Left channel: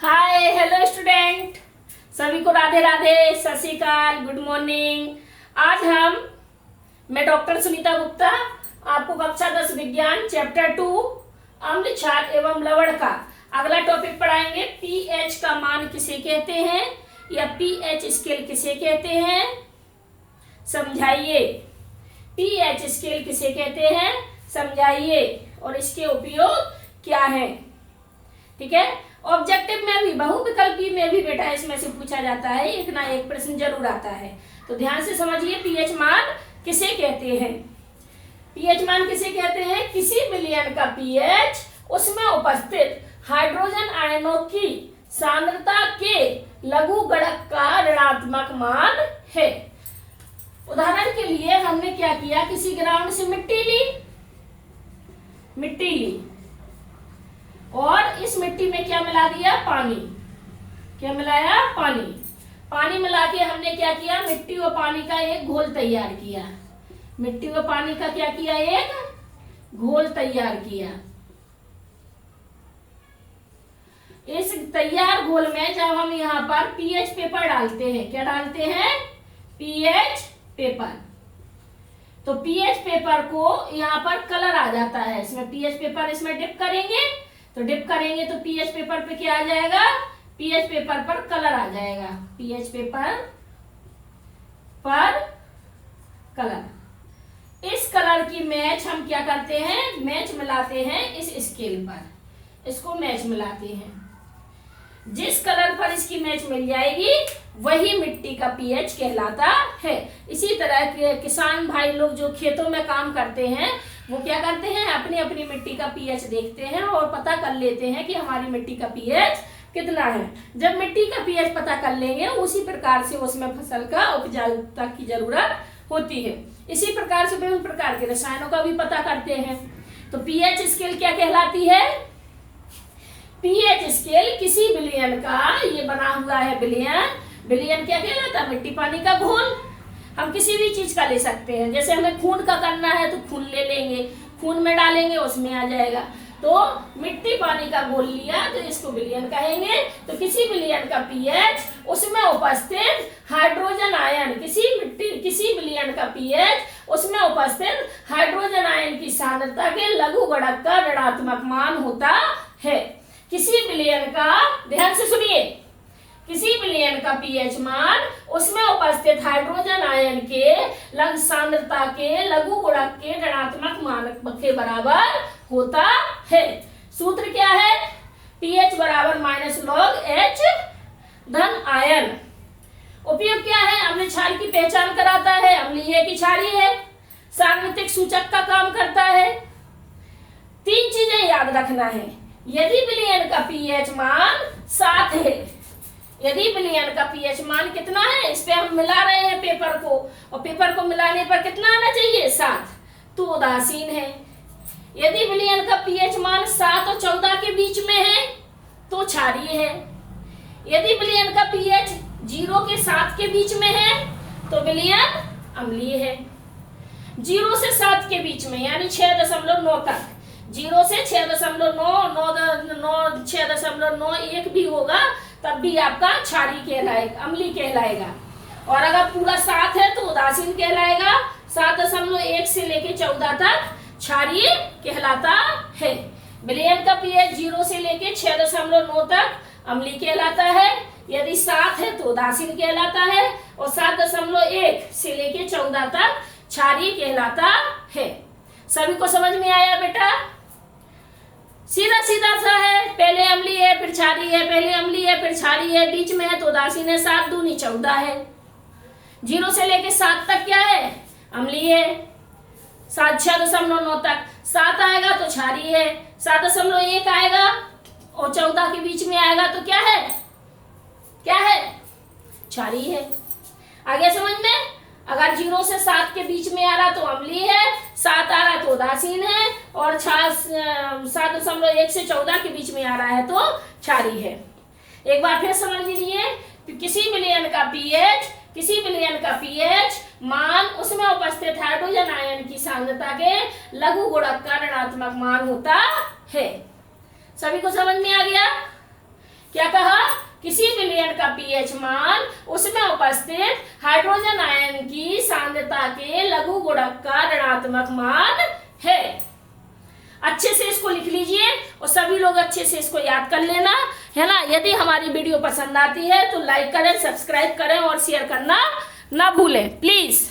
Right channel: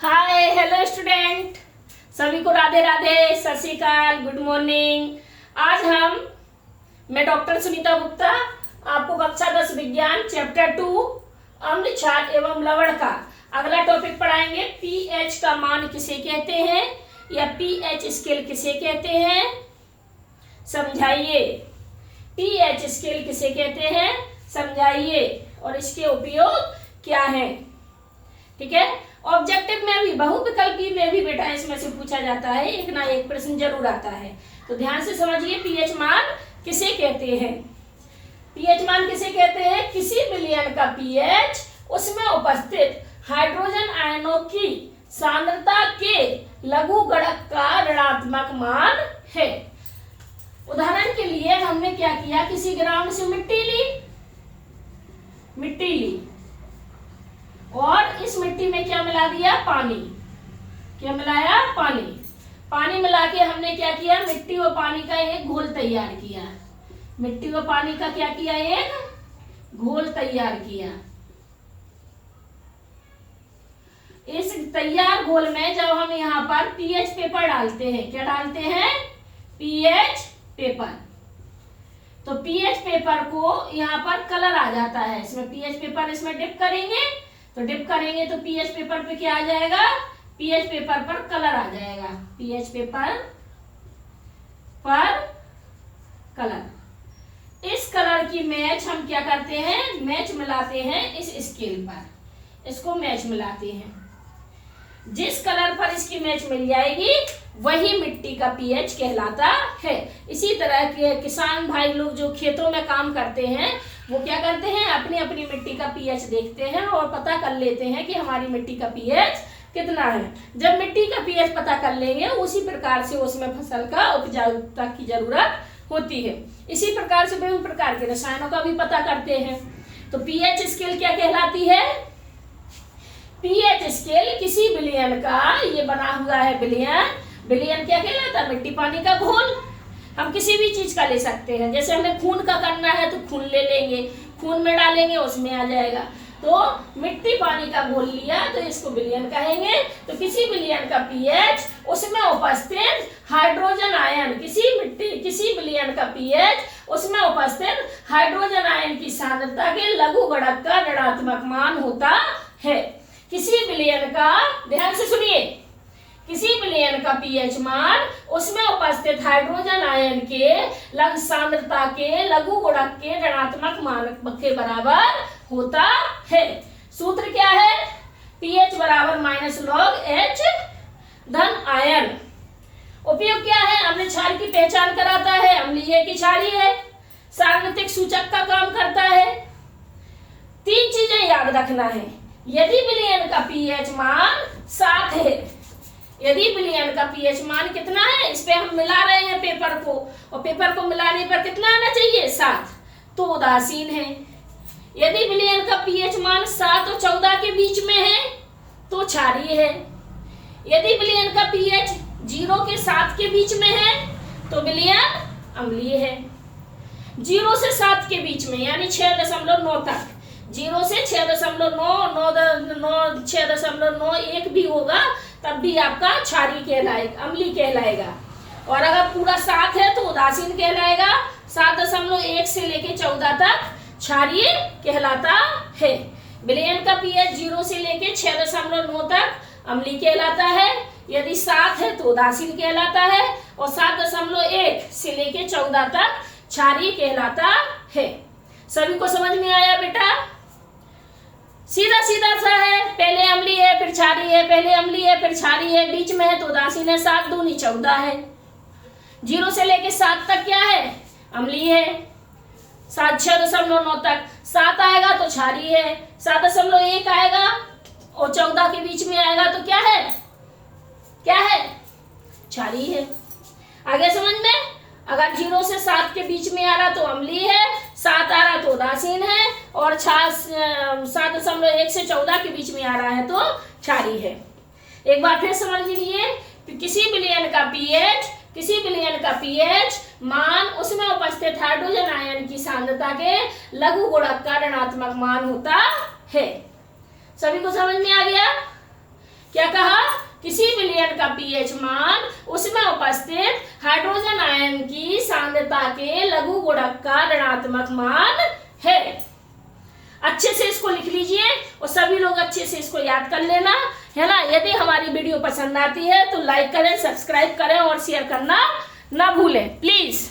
Hi hello student, सभी को राधे राधे, सत श्री अकाल, गुड मॉर्निंग। आज मैं डॉक्टर सुनीता गुप्ता आपको कक्षा 10 विज्ञान चैप्टर 2 अम्ल क्षार एवं लवण का अगला टॉपिक पढ़ाएंगे। पीएच का मान किसे कहते हैं या पीएच स्केल किसे कहते हैं, समझाइए। पीएच स्केल किसे कहते हैं समझाइए और इसके उपयोग क्या है। ठीक है, ऑब्जेक्टिव में भी बहुविकल्पी में भी बेटा इसमें से पूछा जाता है, एक ना एक प्रश्न जरूर आता है, तो ध्यान से समझिए। पीएच मान किसे कहते हैं? पीएच मान किसे कहते हैं? किसी विलयन का पीएच उसमें उपस्थित हाइड्रोजन आयनों की सांद्रता के लघु गुणक का ऋणात्मक मान है। उदाहरण के लिए हमने क्या किया, किसी ग्राउंड से मिट्टी ली और इस मिट्टी में क्या मिला दिया, पानी। क्या मिलाया? पानी मिला के हमने क्या किया, मिट्टी और पानी का एक घोल तैयार किया। मिट्टी और पानी का क्या किया, एक घोल तैयार किया। इस तैयार घोल में जब हम यहाँ पर पीएच पेपर डालते हैं, क्या डालते हैं, पीएच पेपर, तो पीएच पेपर को यहाँ पर कलर आ जाता है। इसमें पीएच पेपर इसमें डिप करेंगे तो पीएच पेपर पे क्या आ जाएगा, पीएच पेपर पर कलर आ जाएगा। पीएच पेपर पर कलर, इस कलर की मैच हम क्या करते हैं, मैच मिलाते हैं इस स्केल पर, इसको मैच मिलाते हैं। जिस कलर पर इसकी मैच मिल जाएगी वही मिट्टी का पीएच कहलाता है। इसी तरह के किसान भाई लोग जो खेतों में काम करते हैं वो क्या करते हैं, अपनी अपनी मिट्टी का पीएच देखते हैं और पता कर लेते हैं कि हमारी मिट्टी का पीएच कितना है। जब मिट्टी का पीएच पता कर लेंगे उसी प्रकार से उसमें फसल का उपजाऊता की जरूरत होती है। इसी प्रकार से विभिन्न प्रकार के रसायनों का भी पता करते हैं। तो पीएच स्केल क्या कहलाती है? पीएच स्केल किसी विलयन का, ये बना हुआ है विलयन क्या कहलाता है, मिट्टी पानी का घोल। हम किसी भी चीज का ले सकते हैं, जैसे हमें खून का करना है तो खून ले लेंगे, खून में डालेंगे उसमें आ जाएगा। तो मिट्टी पानी का घोल लिया तो इसको विलयन कहेंगे। तो किसी विलयन का पीएच उसमें उपस्थित हाइड्रोजन आयन, किसी विलयन का पीएच उसमें उपस्थित हाइड्रोजन आयन की सांद्रता के लघु गुणक का ऋणात्मक मान होता है। किसी विलयन का, ध्यान से सुनिए, किसी विलयन का पीएच मान उसमें उपस्थित हाइड्रोजन आयन के सांद्रता के लघु गुणक के ऋणात्मक मान के बराबर होता है। सूत्र क्या है, पीएच बराबर -log H धन आयन। उपयोग क्या है, अम्ल क्षार की पहचान कराता है, अम्लीय की क्षारीय है, सार्वत्रिक सूचक का काम करता है। 3 चीजें याद रखना है। यदि विलयन का पीएच मान 7 है, यदि विलयन का पीएच मान कितना है, इस पे हम मिला रहे हैं पेपर को, और पेपर को मिलाने पर कितना आना चाहिए, 7, तो उदासीन है। यदि विलयन का पीएच मान 7 और 14 के बीच में है तो क्षारीय है। यदि विलयन का पीएच 0 के 7 के बीच में है तो विलयन अम्लीय है। 0 से 7 के बीच में यानी 6.9 तक, 0 से 6.9 भी होगा तब भी आपका क्षारीय कहलाएगा, अम्लीय कहलाएगा। और अगर पूरा 7 है तो उदासीन कहलाएगा। 7.1 से लेके 14 तक क्षारीय कहलाता है। विलयन का पीएच 0 से लेके 6.9 तक अम्लीय कहलाता है। यदि 7 है तो उदासीन कहलाता है और 7.1 से लेके 14 तक क्षारीय कहलाता है। सभी को समझ में आया बेटा? सीधा सीधा सा है, पहले अम्लीय है फिर क्षारीय है, पहले अम्लीय है फिर क्षारीय है, बीच में है तो उदासीन है। 7 दूनी 14 है। 0 से लेके 7 तक क्या है, अम्लीय है। 6.9 तक 7 आएगा तो क्षारीय है, 7.1 आएगा और 14 के बीच में आएगा तो क्या है, क्षारीय है। आगे समझ में? अगर 0 से 7 के बीच में आ रहा तो अम्लीय है, 7 आ रहा तो उदासीन है, और 7.1 से 14 के बीच में आ रहा है तो क्षारीय है। एक बार फिर समझ लीजिए, किसी विलयन का पीएच मान उसमें उपस्थित हाइड्रोजन आयन की सांद्रता के लघु गुणक का ऋणात्मक मान होता है। सभी को समझ में आ गया? क्या कहा? का पीएच मान उसमें उपस्थित हाइड्रोजन आयन की सांद्रता के लघु गुणक का ऋणात्मक मान है। अच्छे से इसको लिख लीजिए और सभी लोग अच्छे से इसको याद कर लेना, है ना। यदि हमारी वीडियो पसंद आती है तो लाइक करें, सब्सक्राइब करें और शेयर करना ना भूलें प्लीज।